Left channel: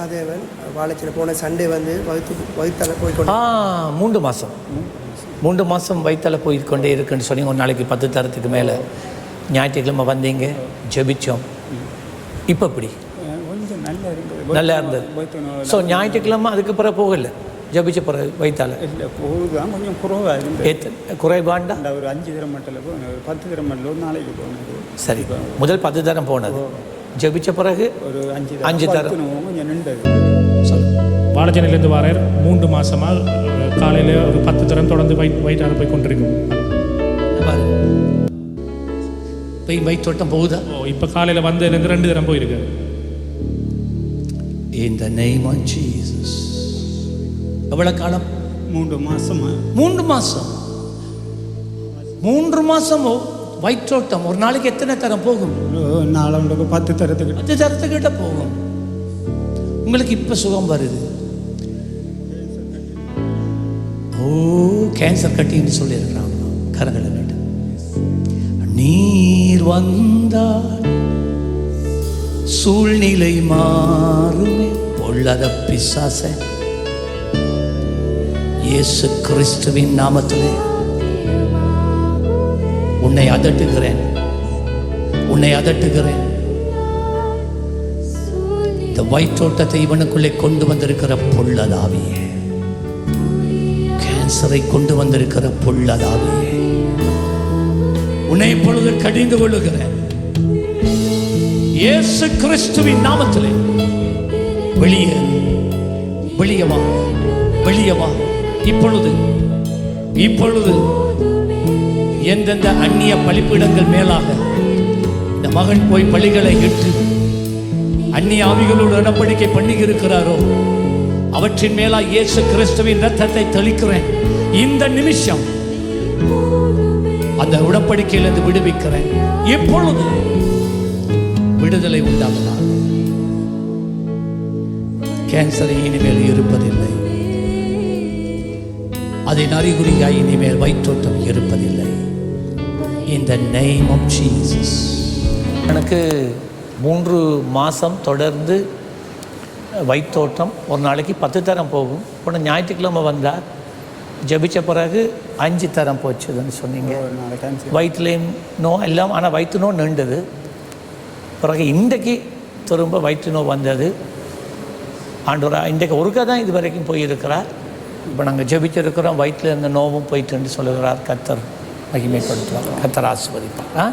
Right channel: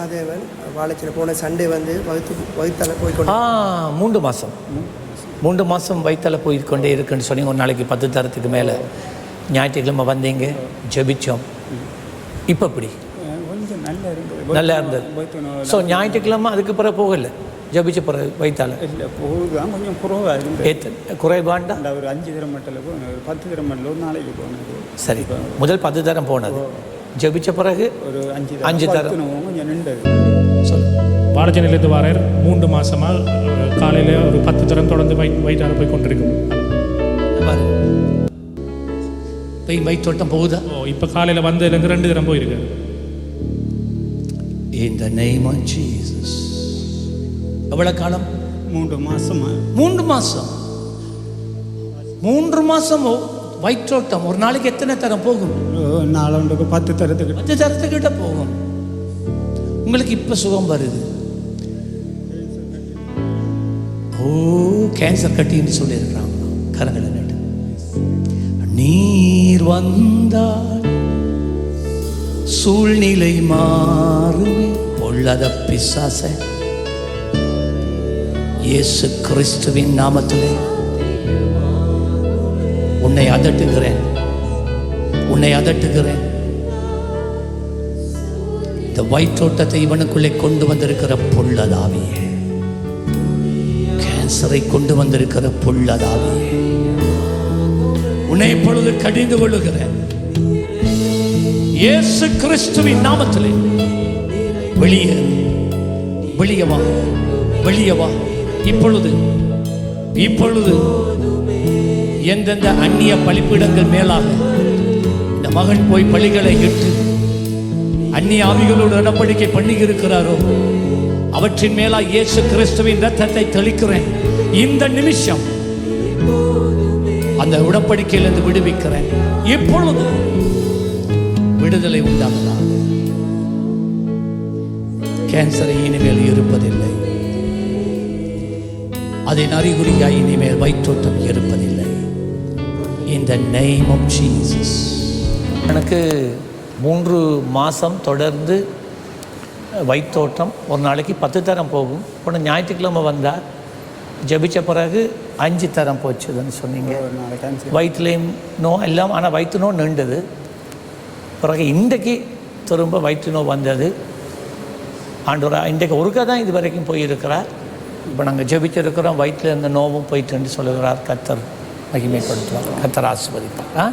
மகாதேவன் வாழைச்சில் போன சண்டே வந்து வகுத்து வகுத்தால போய்க்கொண்டு ஆ மூன்று மாதம் மூன்று மாதம் வயிற்றால போய்க்கொண்டே இருக்குன்னு சொன்னீங்க. ஒரு நாளைக்கு பத்து தரத்துக்கு மேலே. ஞாயிற்றுக்கிழமை வந்தீங்க ஜெபிச்சோம். இப்போ எப்படி? கொஞ்சம் நல்லா இருந்தது. நல்லா இருந்தது ஸோ ஞாயிற்றுக்கிழமை அதுக்கு பிறகு போகல. ஜெபிச்ச பிறகு வயிற்றால இல்லை போகுதான் கொஞ்சம் குறவாக இருந்தது குறைபாண்டா அந்த ஒரு அஞ்சு தரம் ஒரு பத்து தரம் மட்டில் ஒரு நாளைக்கு போனது. சரி. முதல் பத்து தரம் போனது. ஜெபிச்ச பிறகு ஒரு அஞ்சு அஞ்சு தரம். பத்துனவும் கொஞ்சம் நின்றது சொல்லு. வாழைச்சேனையிலேருந்து வாரார். மூன்று மாசமாக காலையில் ஒரு பத்து தரம் தொடர்ந்து வயிட் வயிற்றார போய் கொண்டிருக்கும். பாரு. போய் வயிற்றோட்டம் போகுதா? ஓ இப்போ காலையில் வந்ததுலேருந்து ரெண்டு தரம் போயிருக்காரு. In the name of Jesus. எவ்வளவு காலம்? மூன்று மாசமா? மூன்று மாசம். மூன்று மாசம்? வயிற்றோட்டம் ஒரு நாளைக்கு எத்தனை தரம் போகும்? நாலண்டுக்கு பத்து தரத்துக்கு. பத்து தரத்துக்கிட்ட போகும். உங்களுக்கு இப்ப சுகம் வருது. ஓ கேன்சர் கட்டின்னு சொல்லியிருக்கிறாங்க. கரங்களை நட்டு. நீர் வந்தால் சூழ்நிலை மாறுமே. பொல்லாத பிசாச. இயேசு கிறிஸ்துவின் நாமத்திலே. உன்னை அதட்டுகிறேன். உன்னை அதட்டுகிறேன். இந்த வயிற்றோட்டத்தை இவனுக்குள்ளே கொண்டு வந்திருக்கிற பொல்லதாவியே. கேன்சரை கொண்டு வந்திருக்கிற பொல்லதாவியே. உன்னை இப்பொழுது கடிந்து கொள்ளுகிறேன். இயேசு கிறிஸ்துவின் நாமத்திலே. வெளியே வெளியவா வெளியவா இப்பொழுது. இப்பொழுது. எந்தெந்த அந்நிய பழிப்பிடங்கள் மேலாக இந்த மகன் போய் பழிகளை இட்டு அந்நிய ஆவிகளோடு உடன்படிக்கை பண்ணி இருக்கிறாரோ அவற்றின் மேலா இயேசு கிறிஸ்துவின் ரத்தத்தை தெளிக்கிறேன். இந்த நிமிஷம் அந்த உடன்படிக்கையிலிருந்து விடுவிக்கிறேன். இப்பொழுது விடுதலை உண்டாவதாக. கேன்சரை இனிமேல் இருப்பதில்லை. அதன் அறிகுறியாய் இனிமேல் வயிற்றோட்டம் இருப்பதில்லை. In the name of Jesus. எனக்கு மூன்று மாதம் தொடர்ந்து வயிற்றோட்டம் ஒரு நாளைக்கு பத்து தரம் போகும். போன ஞாயிற்றுக்கிழமை வந்தால் ஜெபிச்ச பிறகு அஞ்சு தரம் போச்சுதுன்னு சொன்னீங்க. வயிற்றுலேயும் நோ எல்லாம் ஆனால் வயிற்று நோ நின்றது பிறகு இன்றைக்கு திரும்ப வயிற்று நோ வந்தது. ஆண்டவரா இன்றைக்கு ஒருக்கா தான் இது வரைக்கும் போயிருக்கிறார். இப்போ நாங்கள் ஜெபிச்சிருக்கிறோம் வயிற்றில் இருந்த நோவும் போயிட்டுன்னு சொல்லுகிறார் கத்தர் மகிமைப்படுத்துவார். கத்தர் ஆசிர்வதிப்பார். ஆ?